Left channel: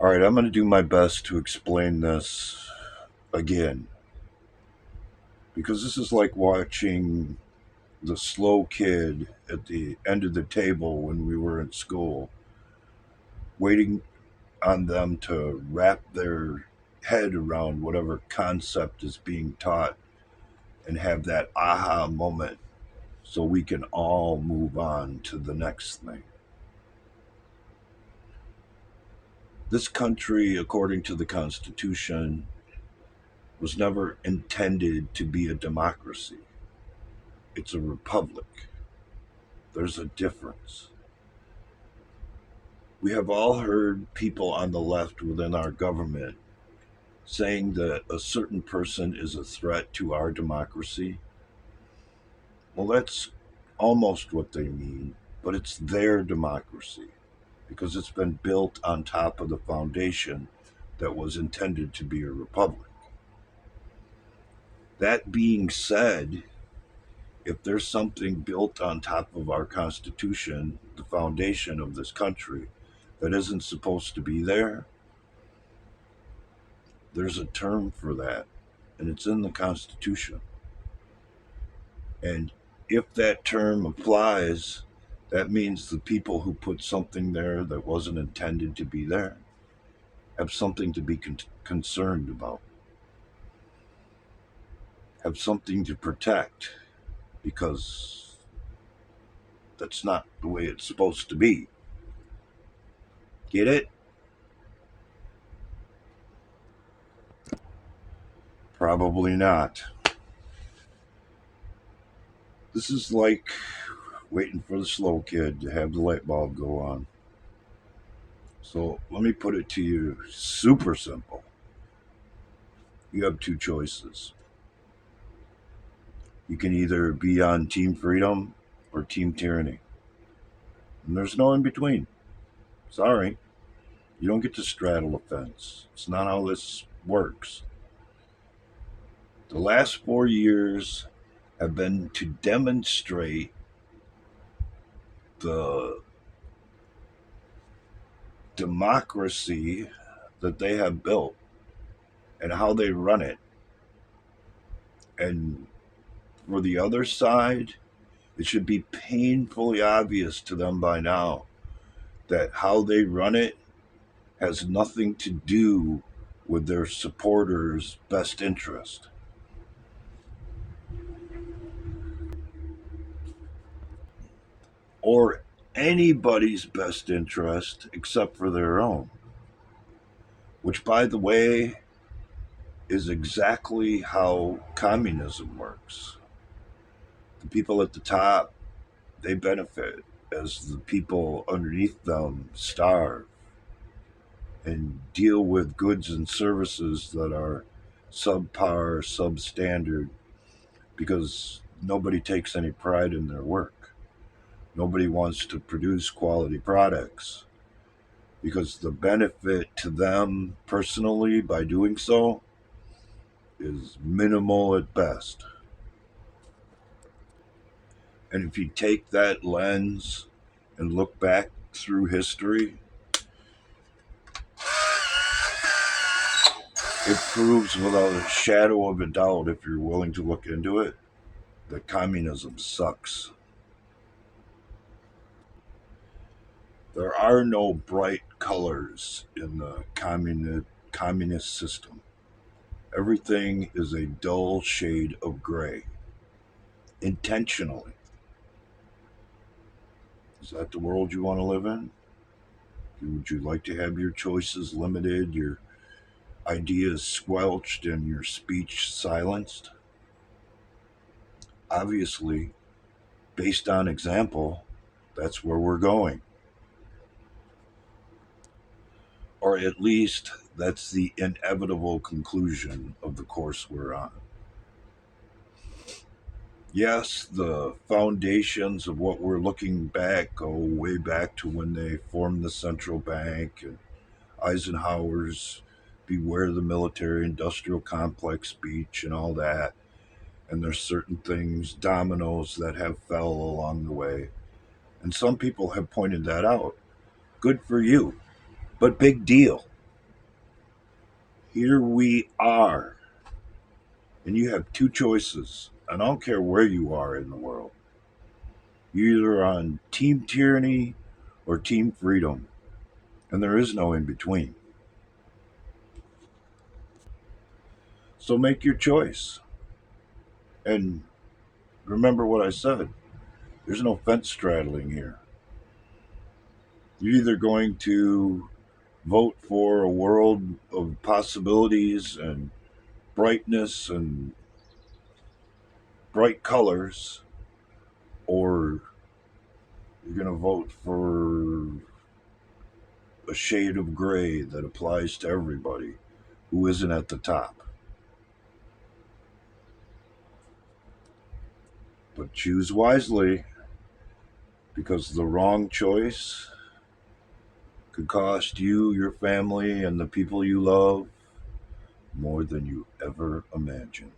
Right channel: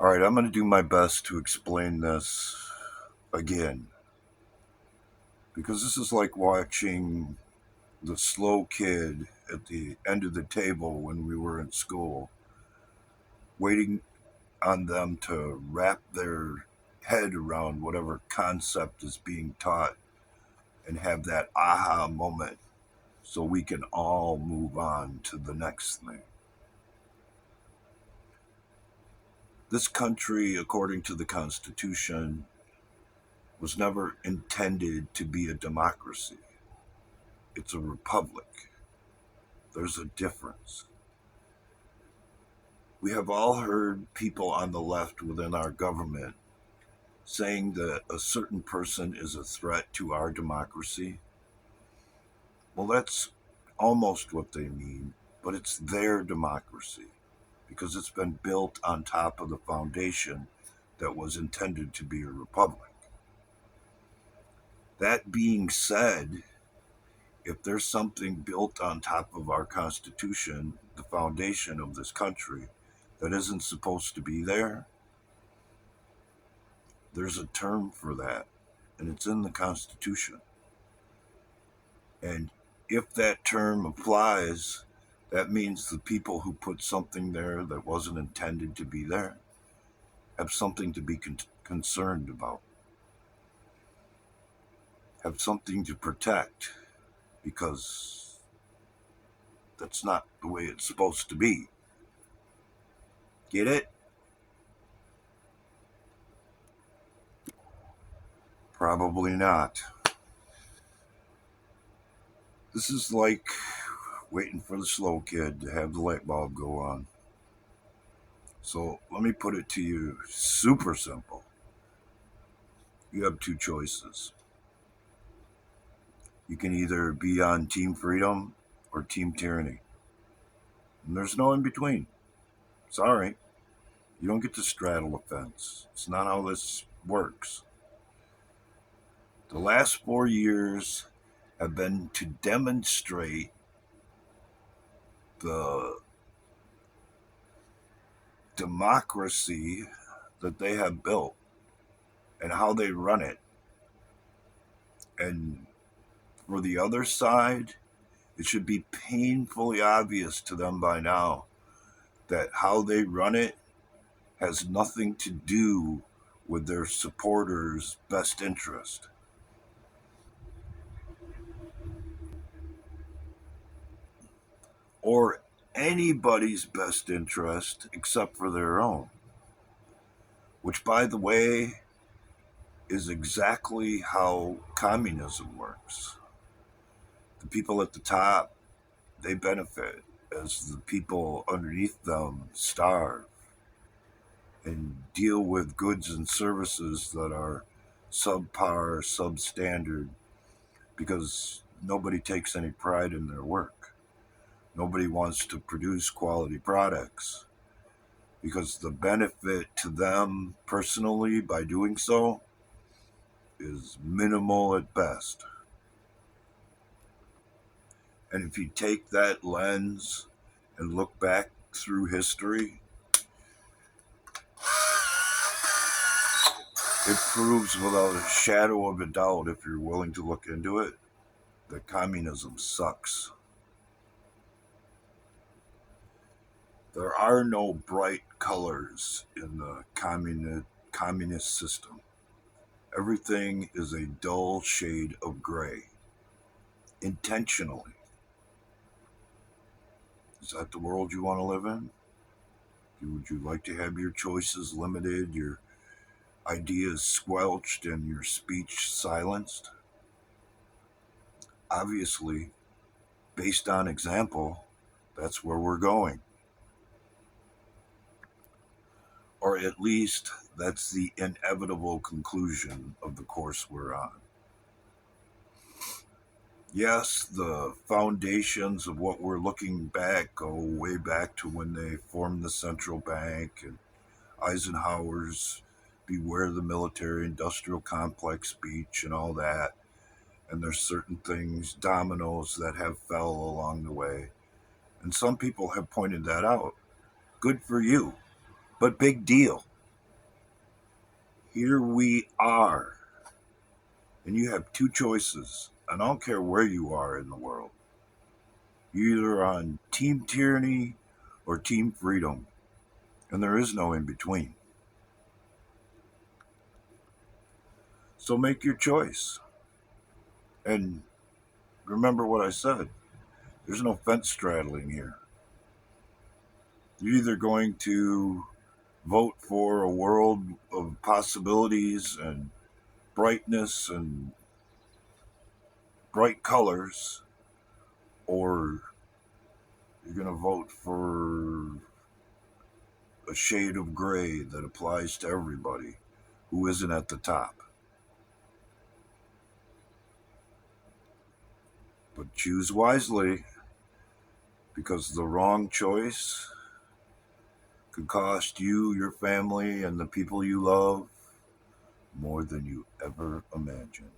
All right, I'm going to do my best to explain this again because this is like watching the slow kid at the end of the table when we were in school, waiting on them to wrap their head around whatever concept is being taught and have that aha moment so we can all move on to the next thing. This country, according to the Constitution, was never intended to be a democracy. It's a republic. There's a difference. We have all heard people on the left within our government saying that a certain person is a threat to our democracy. Well, that's almost what they mean, but it's their democracy because it's been built on top of the foundation that was intended to be a republic. That being said, if there's something built on top of our Constitution, the foundation of this country, that isn't supposed to be there, there's a term for that, and it's in the Constitution. And if that term applies, that means the people who put something there that wasn't intended to be there have something to be concerned about, have something to protect, because that's not the way it's supposed to be. Get it? Probably not. This is like waiting for the slow kid to have the light bulb go on. So let me put it to you super simple. You have two choices. You can either be on Team Freedom or Team Tyranny. And there's no in between. Sorry. You don't get to straddle the fence. It's not how this works. The last 4 years have been to demonstrate the democracy that they have built and how they run it. And for the other side, it should be painfully obvious to them by now that how they run it has nothing to do with their supporters' best interest or anybody's best interest except for their own, which, by the way, is exactly how communism works. The people at the top, they benefit as the people underneath them starve and deal with goods and services that are subpar, substandard, because nobody takes any pride in their work. Nobody wants to produce quality products because the benefit to them personally by doing so is minimal at best. And if you take that lens and look back through history, it proves without a shadow of a doubt, if you're willing to look into it, that communism sucks. There are no bright colors in the communist system. Everything is a dull shade of gray, intentionally. Is that the world you want to live in? Would you like to have your choices limited, your ideas squelched, and your speech silenced? Obviously, based on example, that's where we're going. Or at least that's the inevitable conclusion of the course we're on. Yes, the foundations of what we're looking back go way back to when they formed the central bank and Eisenhower's Beware the Military Industrial Complex speech and all that. And there's certain things, dominoes, that have fell along the way. And some people have pointed that out. Good for you, but big deal. Here we are, and you have two choices. And I don't care where you are in the world. You're either on team tyranny or team freedom, and there is no in between. So make your choice. And remember what I said, there's no fence straddling here. You're either going to vote for a world of possibilities and brightness and bright colors, or you're going to vote for a shade of gray that applies to everybody who isn't at the top. But choose wisely, because the wrong choice could cost you, your family, and the people you love more than you ever imagined.